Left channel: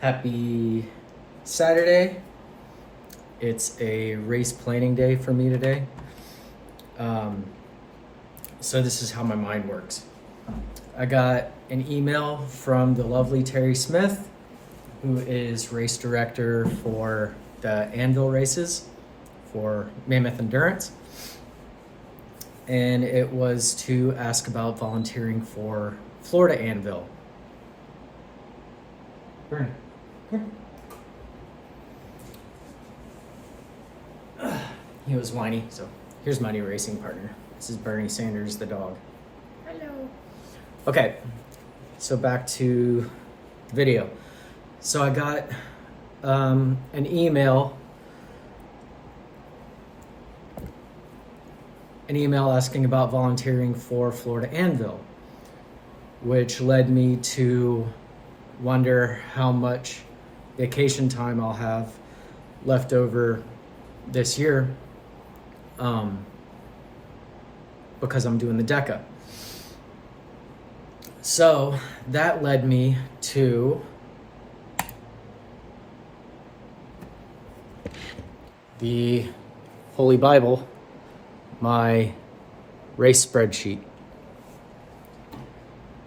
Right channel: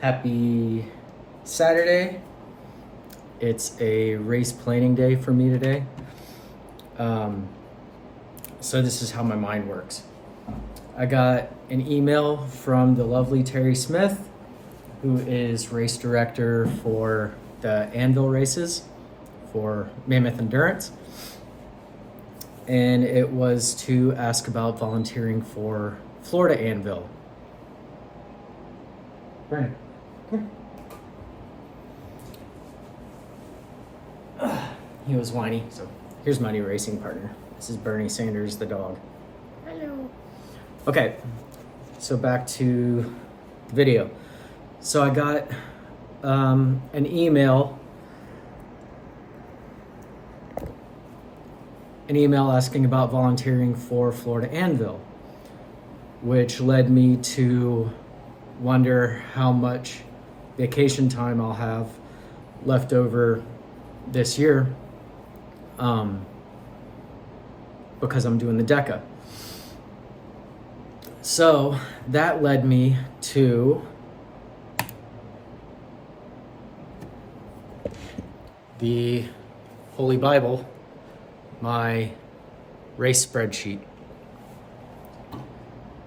Happy Saturday. It's a race planning day for me today. So this is how my mind works. I got an email from the lovely Terry Smith, who is race director for the Anvil races for Mammoth Endurance. And it was to ask about volunteering for Florida Anvil. Bernie, come here. He was whiny, so here's my new racing partner. This is Bernie Sanders, the dog. Hello. Okay, so back to video. So I got an email asking about volunteering for Florida Anvil, which led me to wonder how much vacation time I'll have left over this year, because I'm doing the Deca. So that led me to the Holy Bible, my race spreadsheet.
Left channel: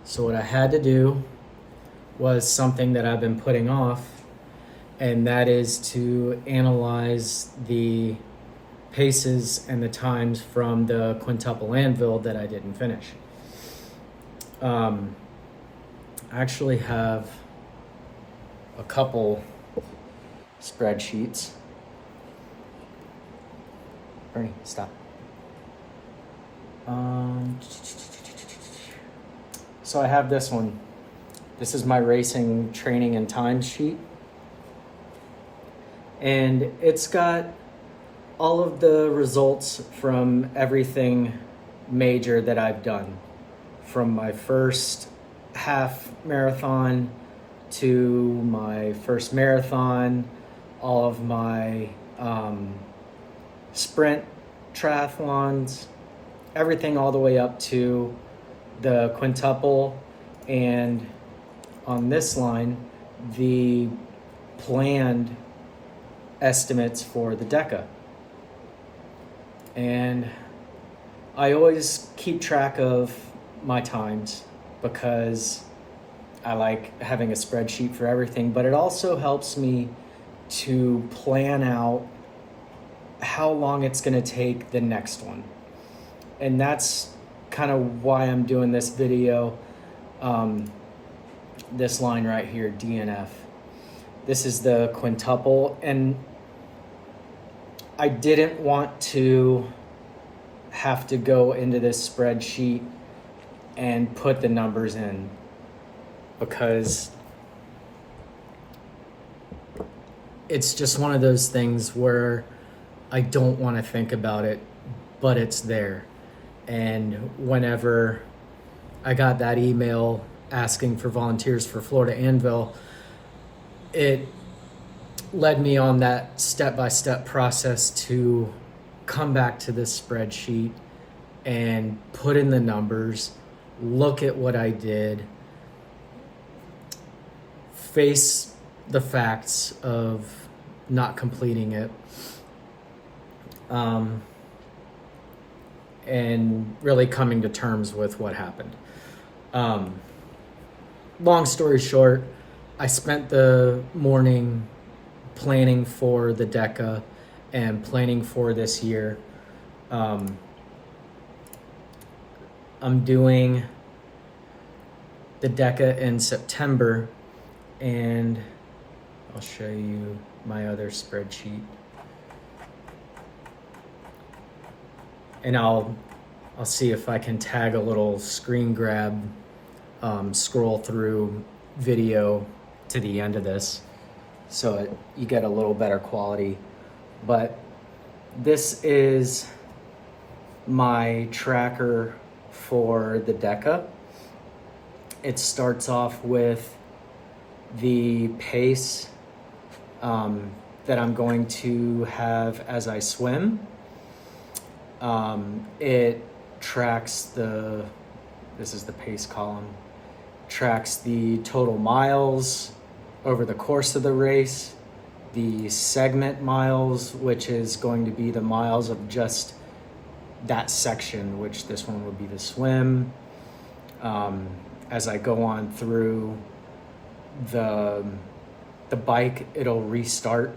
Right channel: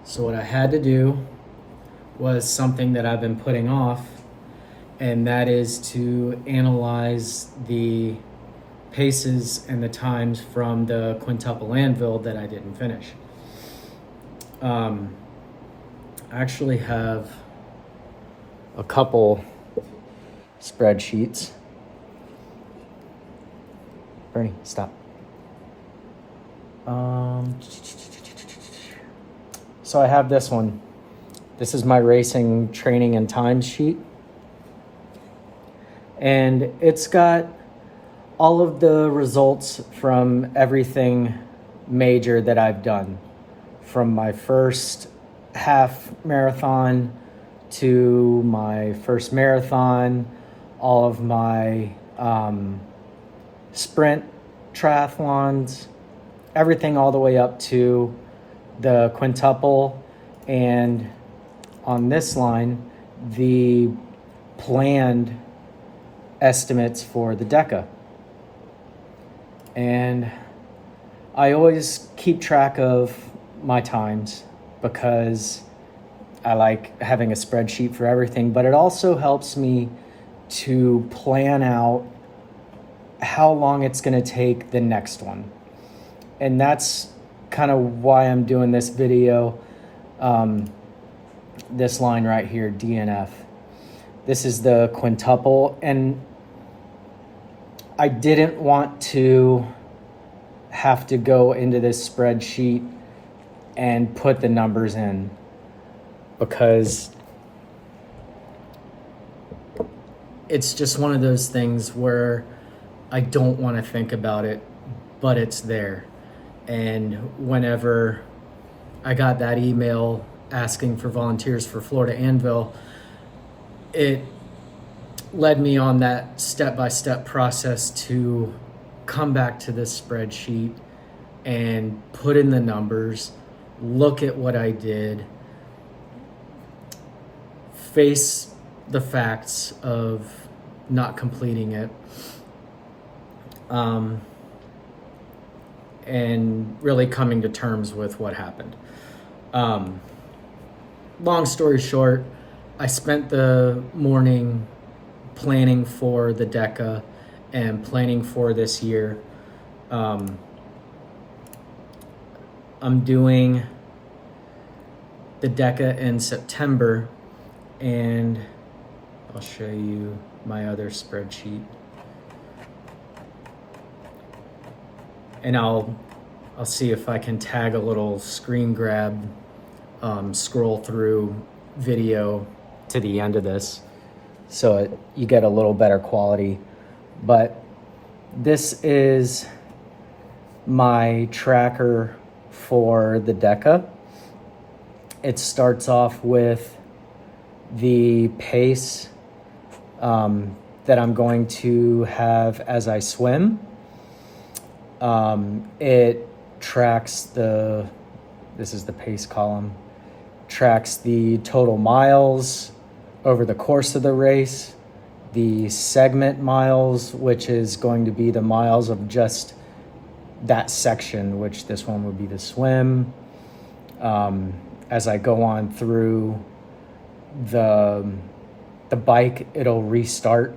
So what I had to do was something that I've been putting off, and that is to analyze the paces and the times from the quintuple Anvil that I didn't finish. I actually have a couple spreadsheets. Bernie, stop. So I have this one. This is my racing training and time sheet. And it's got all of the results from everything major that I've done. From my first half marathon to my first marathon, all of my sprint triathlons, everything all the way up to the quintuple, and on this line, the planned estimates for the Deca. And I always keep track of my times because I like having a spreadsheet for everything, but it also helps me to plan out how long it's going to take the next one. And that's kind of why I'm doing this video. This line right here, DNF. This is the quintuple, and I didn't want to have to go into this spreadsheet and put the numbers in, because it's just one of those things where I don't want to think about it, but it's there. And whenever I got that email asking for volunteers for Florida Anvil, it led me on that step-by-step process to come back to this spreadsheet and put in the numbers, look at what I did, face the facts of not completing it, and really coming to terms with what happened. Long story short, I spent the morning planning for the Deca and planning for this year. I'm doing the Deca in September, and I'll show you my other spreadsheet. And I'll see if I can tag a little screen grab, scroll through video to the end of this, so you get a little better quality. But this is my tracker for the Deca. It starts off with the pace that I'm going to have as I swim. It tracks this is the pace column, tracks the total miles, over the course of the race, the segment miles, which is going to be the miles of just that section, which this one would be the swim. As I go on through the bike, it'll restart.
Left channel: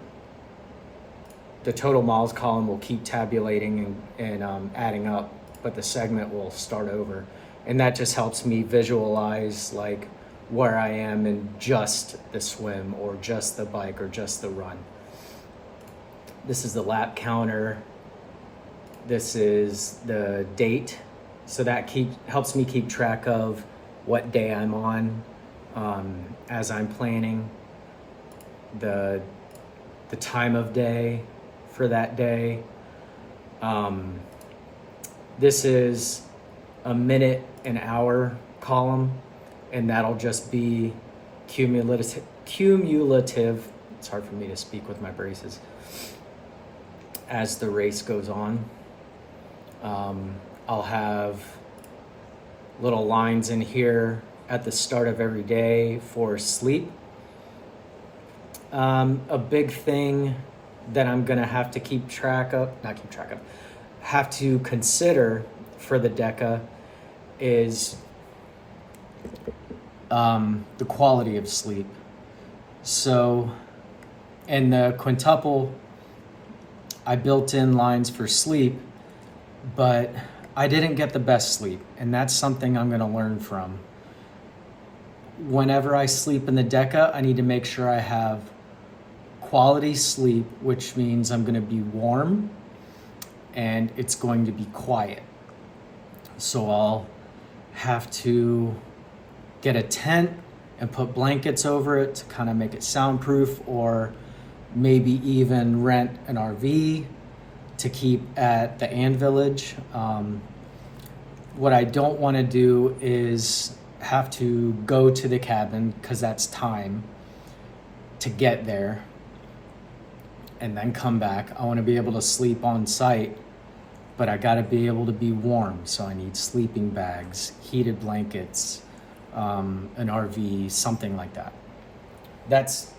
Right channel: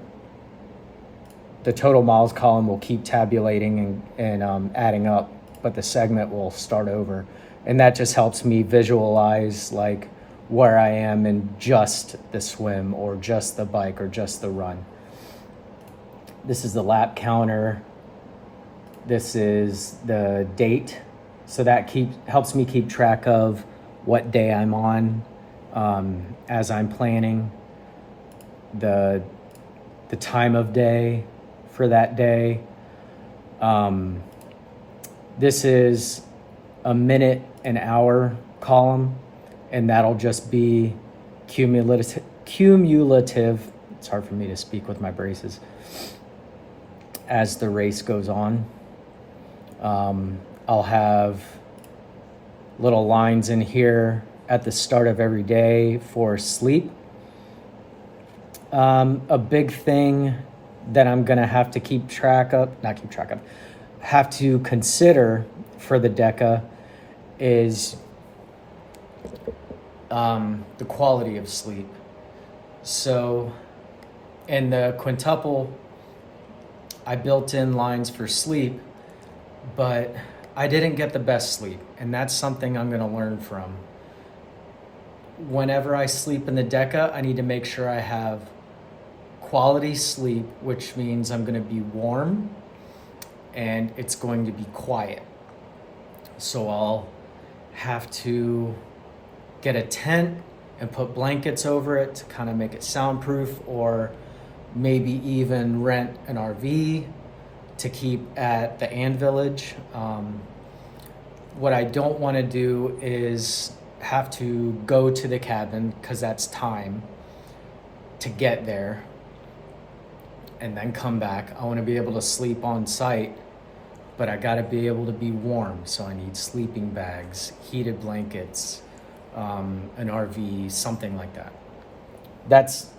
The total miles column will keep tabulating and adding up, but the segment will start over. And that just helps me visualize like where I am in just the swim or just the bike or just the run. This is the lap counter. This is the date. So that helps me keep track of what day I'm on as I'm planning the time of day for that day. This is a minute and hour column, and that'll just be cumulative. It's hard for me to speak with my braces. As the race goes on, I'll have little lines in here at the start of every day for sleep. A big thing that I'm gonna have to have to consider for the Deca is the quality of sleep. So in the quintuple, I built in lines for sleep, but I didn't get the best sleep, and that's something I'm gonna learn from. Whenever I sleep in the Deca, I need to make sure I have quality sleep, which means I'm gonna be warm and it's going to be quiet. So I'll have to get a tent and put blankets over it to kind of make it soundproof, or maybe even rent an RV to keep at the Anvil. What I don't want to do is have to go to the cabin, because that's time to get there and then come back. I want to be able to sleep on site, but I got to be able to be warm. So I need sleeping bags, heated blankets, an RV, something like that. That's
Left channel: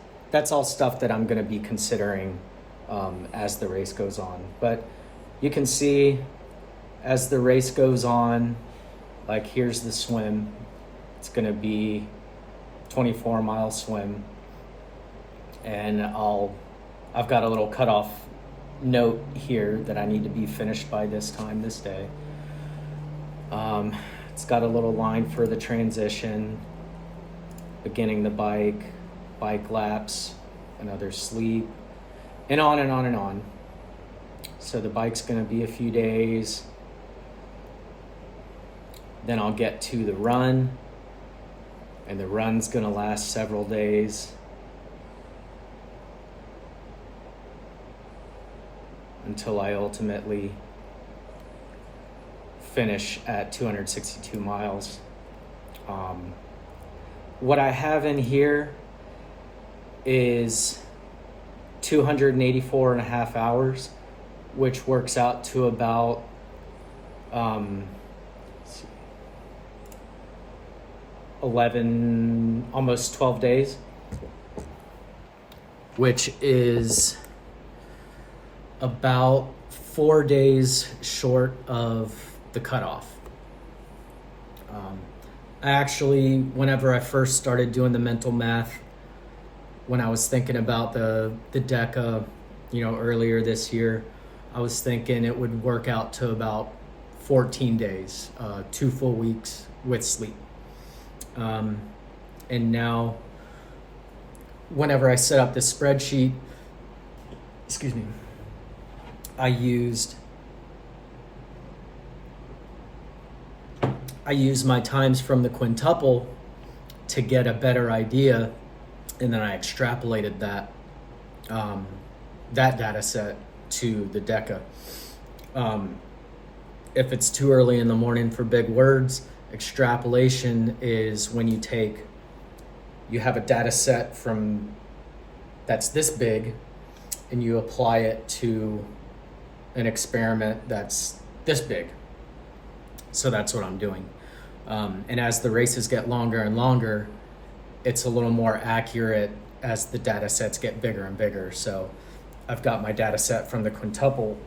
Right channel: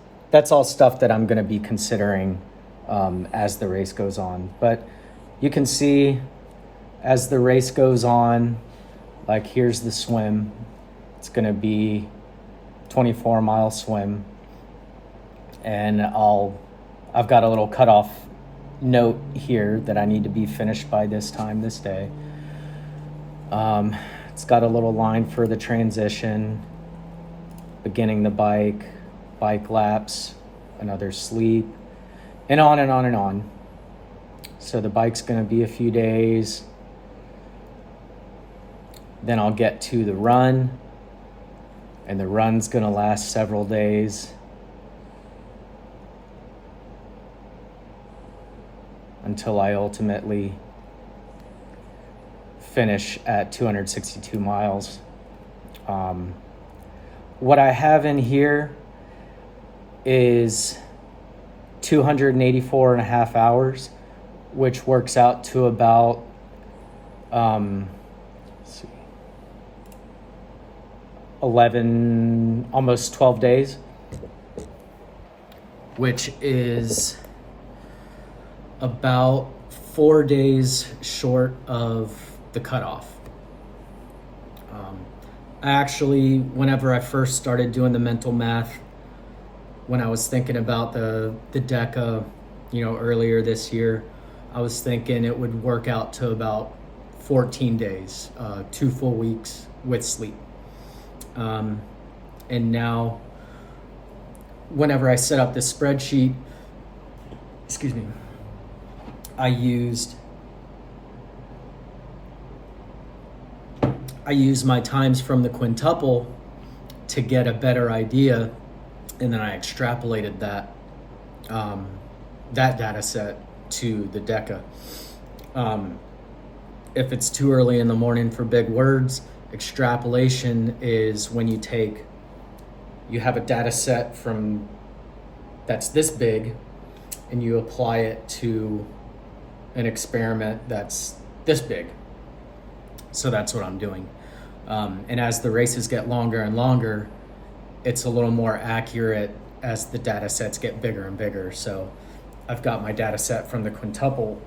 all stuff that I'm going to be considering as the race goes on. But you can see as the race goes on, like here's the swim. It's going to be 24-mile swim, and I've got a little cutoff note here that I need to be finished by this time this day. It's got a little line for the transition, beginning the bike laps, another sleep, and on and on and on. So the bike's gonna be a few days. Then I'll get to the run, and the run's gonna last several days. Until I ultimately finish at 262 miles. What I have in here is 284 and a half hours, which works out to about 11, almost 12 days, which is about 4 days short of the cutoff. I actually, whenever I first started doing the mental math, when I was thinking about the Deca, earlier this year, I was thinking it would work out to about 14 days, 2 full weeks with sleep. And now, whenever I set up this spreadsheet, I used my times from the quintuple to get a better idea, and then I extrapolated that data set to the Deca. If it's too early in the morning for big words, extrapolation is when you have a data set that's this big, and you apply it to an experiment that's this big. So that's what I'm doing. And as the races get longer and longer, it's a little more accurate as the data sets get bigger and bigger. So I've got my data set from the quintuple,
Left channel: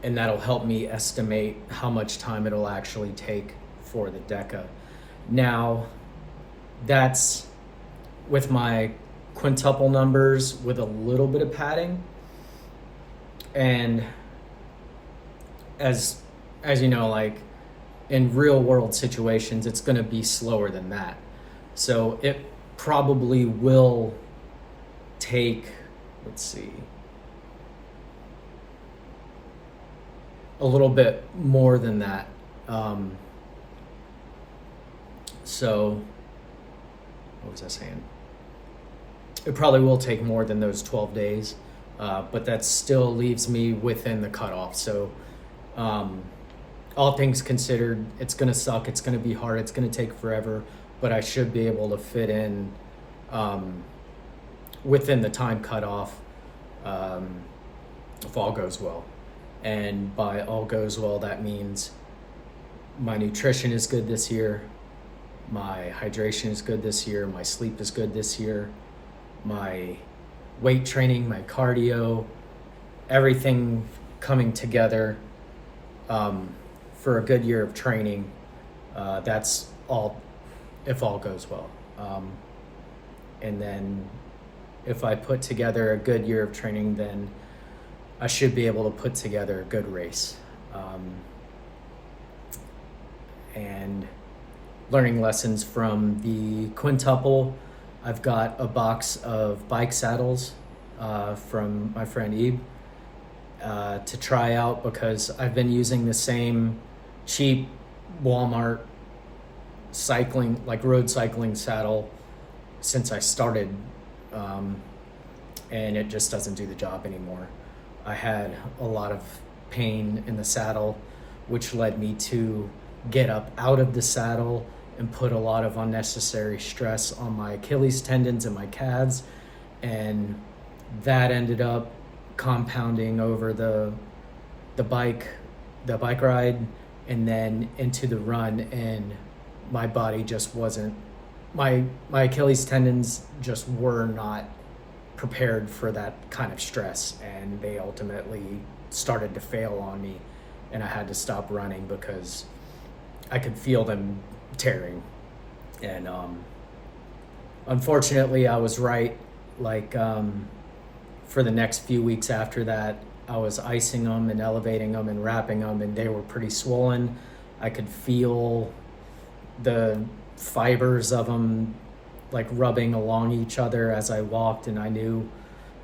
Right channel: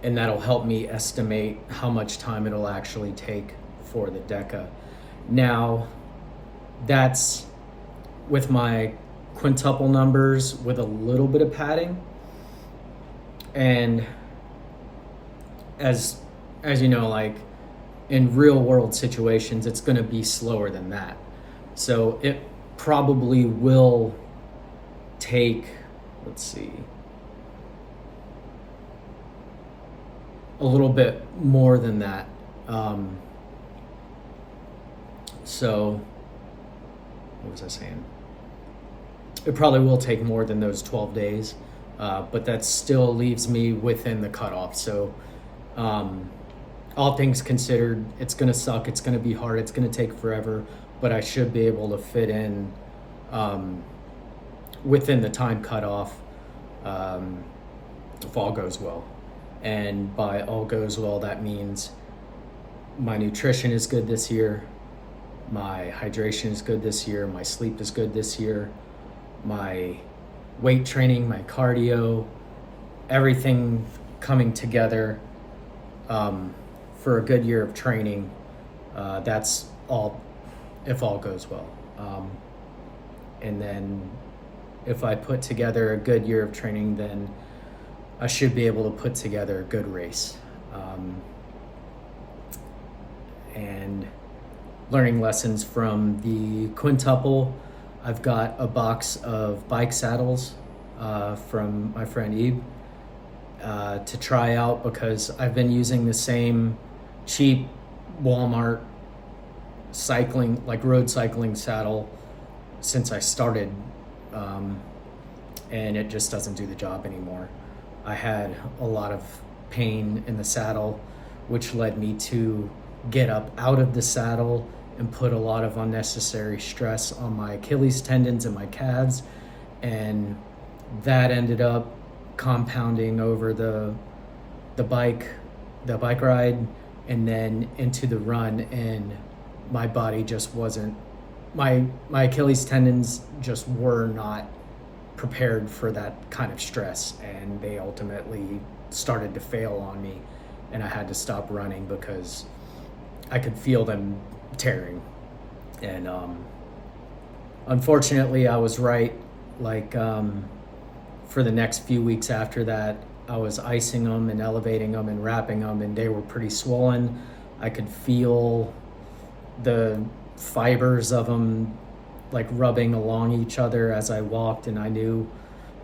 and that'll help me estimate how much time it'll actually take for the Deca. Now, that's with my quintuple numbers with a little bit of padding. And as you know, like in real world situations, it's going to be slower than that. So it probably will take, let's see, a little bit more than that. So what was I saying? It probably will take more than those 12 days, but that still leaves me within the cutoff. So all things considered, it's going to suck. It's going to be hard. It's going to take forever, but I should be able to fit in within the time cutoff if all goes well. And by all goes well, that means my nutrition is good this year, my hydration is good this year, my sleep is good this year, my weight training, my cardio, everything coming together for a good year of training. That's all, if all goes well. And then if I put together a good year of training, then I should be able to put together a good race. And learning lessons from the quintuple, I've got a box of bike saddles from my friend Ebe to try out, because I've been using the same cheap Walmart cycling, like road cycling saddle since I started, and it just doesn't do the job anymore. I had a lot of pain in the saddle, which led me to get up out of the saddle and put a lot of unnecessary stress on my Achilles tendons and my calves, and that ended up compounding over the bike ride and then into the run, and my body just wasn't, my Achilles tendons just were not prepared for that kind of stress, and they ultimately started to fail on me, and I had to stop running because I could feel them tearing. And unfortunately I was right. Like for the next few weeks after that, I was icing them and elevating them and wrapping them, and they were pretty swollen. I could feel the fibers of them like rubbing along each other as I walked, and I knew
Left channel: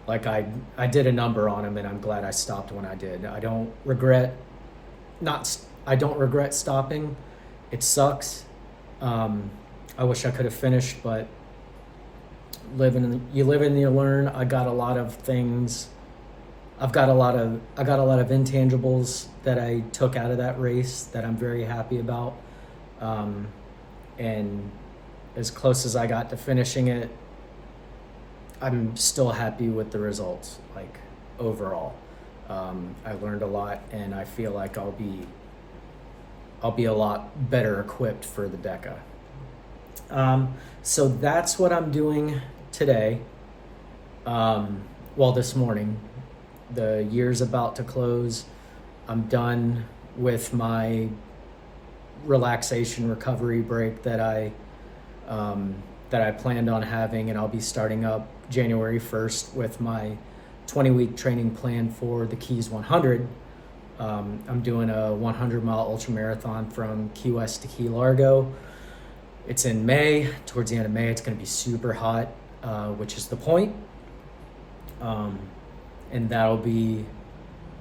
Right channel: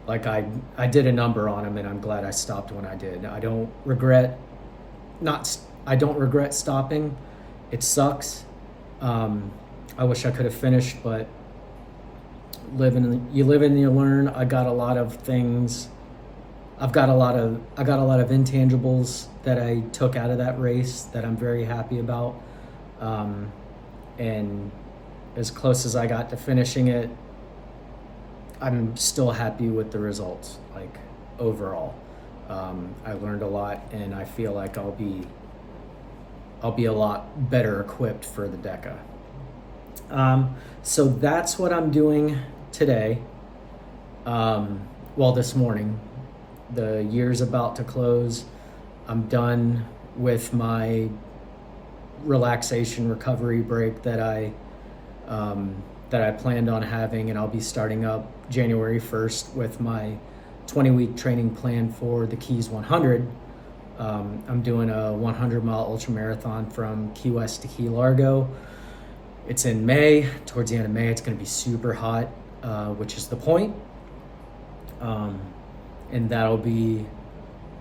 like I did a number on them, and I'm glad I stopped when I did. I don't regret stopping. It sucks. I wish I could have finished, but you live and you learn. I got a lot of things. I got a lot of intangibles that I took out of that race that I'm very happy about. And as close as I got to finishing it, I'm still happy with the results, like overall. I learned a lot, and I feel like I'll be a lot better equipped for the Deca. So that's what I'm doing today. This morning. The year's about to close. I'm done with my relaxation recovery break that I planned on having, and I'll be starting up January 1st with my 20-week training plan for the Keys 100. I'm doing a 100-mile ultra marathon from Key West to Key Largo. It's in May. Towards the end of May, it's going to be super hot, which is the point. And that'll be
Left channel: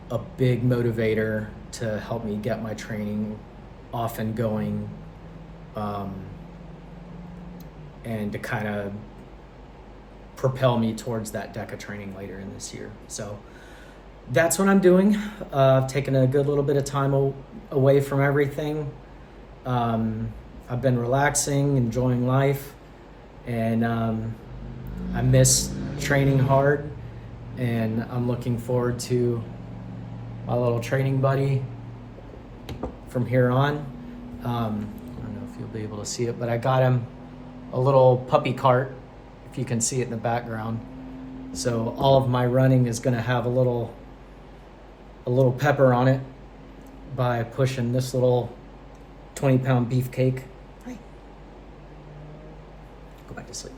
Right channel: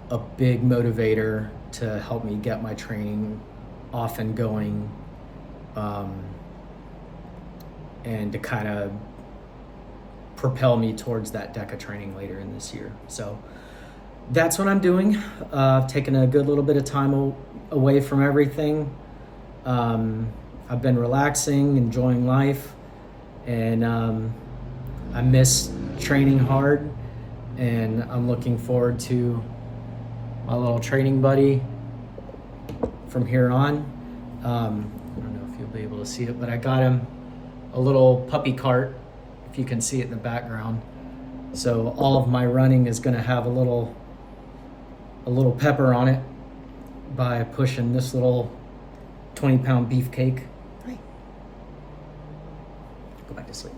a big motivator to help me get my training off and going, and to kind of propel me towards that Deca training later in this year. So that's what I'm doing. Taking a good little bit of time away from everything. I've been relaxing, enjoying life, and I miss training hard, and I'm looking forward to my little training buddy from here on. I don't know if you'll be able to see it, but I got him a little puppy cart, if you can see it in the background. So all of my running is going to have a little pepper on it by pushing this little 20-pound beefcake. Hi. Go back to sleep.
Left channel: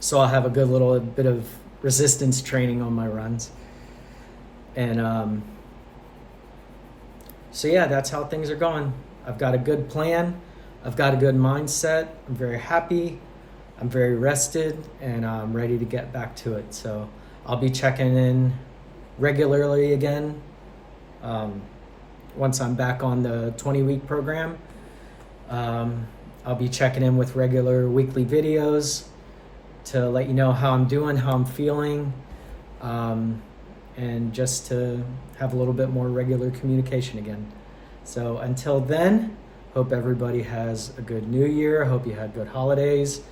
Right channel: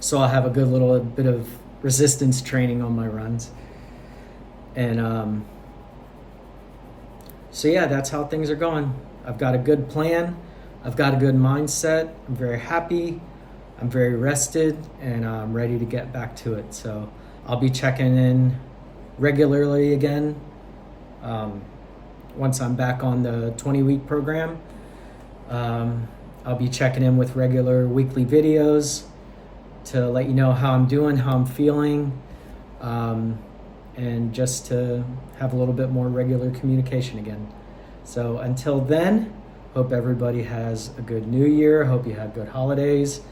So I'll have a good little bit of resistance training on my runs. And so yeah, that's how things are going. I've got a good plan. I've got a good mindset. I'm very happy. I'm very rested, and I'm ready to get back to it. So I'll be checking in regularly again once I'm back on the 20-week program. I'll be checking in with regular weekly videos to let you know how I'm doing, how I'm feeling, and just to have a little bit more regular communication again. So until then, hope everybody has a good new year. Hope you had good holidays,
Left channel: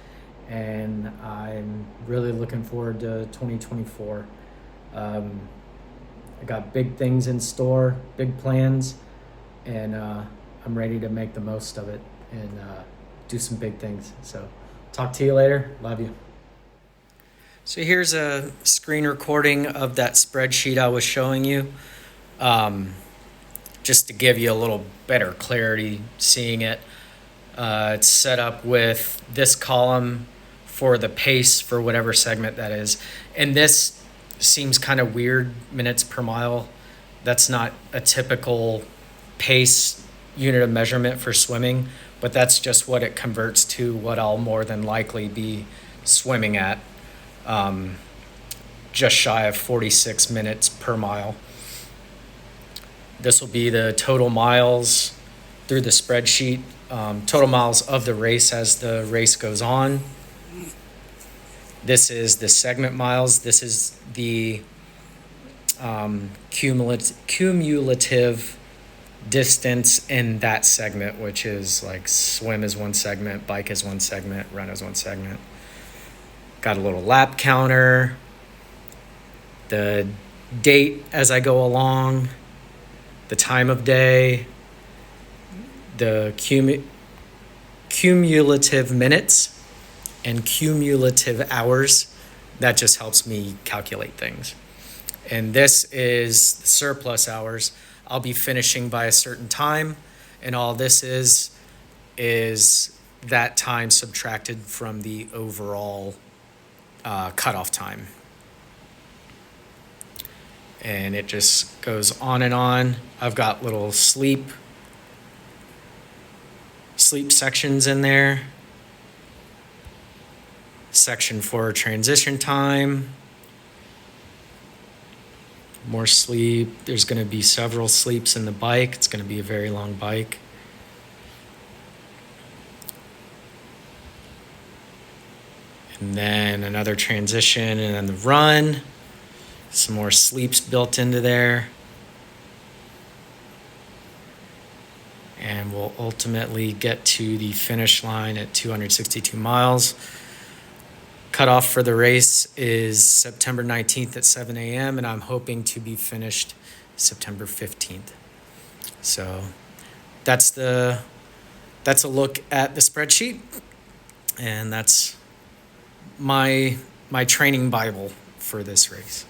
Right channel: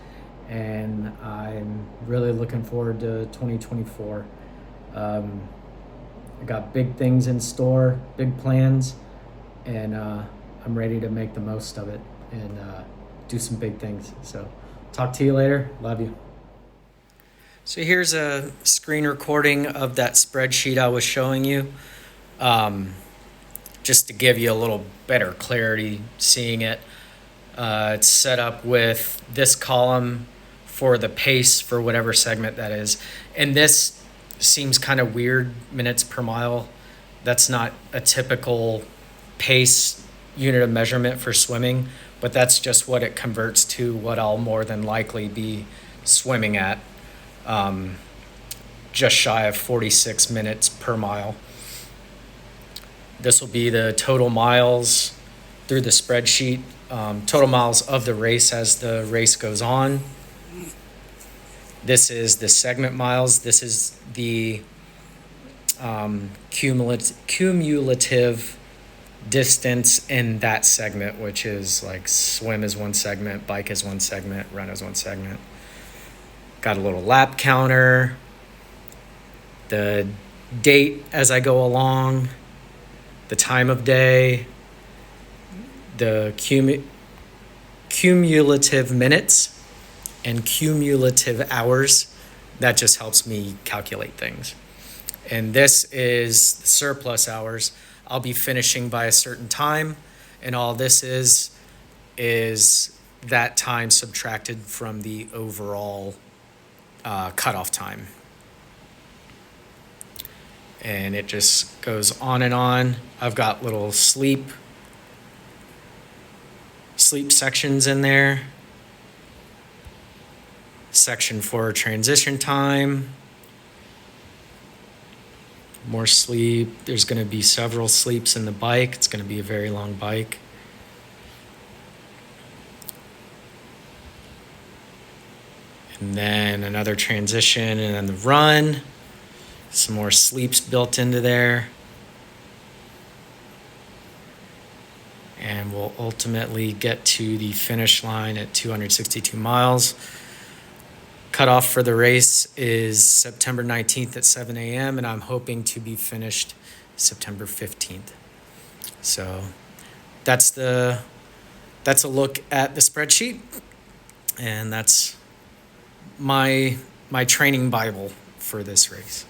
and I'm really looking forward to 2024. I got big things in store, big plans, and I'm ready to make the most of it and do some big things. So talk to you later. Love you. So here's a screen recording of that spreadsheet I was showing you, just to give you a little better clarity seeing it. It's set up with this column for the pace for whatever segment that is. And this seems kind of weird, minutes per mile. That's not a typical pace unit of measurement for swimming, but that's just what it converts to, what I'll more than likely be swimming at. Just shy of 46 minutes per mile. This will be the total miles through the spreadsheet, total miles of the race as the race goes on. This is the segment miles. This is the cumulative distance in that segment, which is like swim is one segment, bike is one segment, run is one segment. Got a little lap counter, the date as I go along, the time of day, the cumulative minutes, and cumulative hours. That just helps me calculate things. And this is the surplus hours. I'll be finishing by a certain time, and all this is that time subtracted from the overall cutoff time. And it just goes on and on. I've got little sleep sections in there. Section for transition time. More sleep. There's going to be several sleeps in the bike. It's going to be a very long bike. And then another transition, and then the run. Some more sleeps built into there. And we'll ultimately get to the finish line at 262 miles. Cutoff for the race is September 19th at 7 a.m. and I'm hoping to be finished September 15th. So that's a look at the spreadsheet, and that's my training Bible for this race.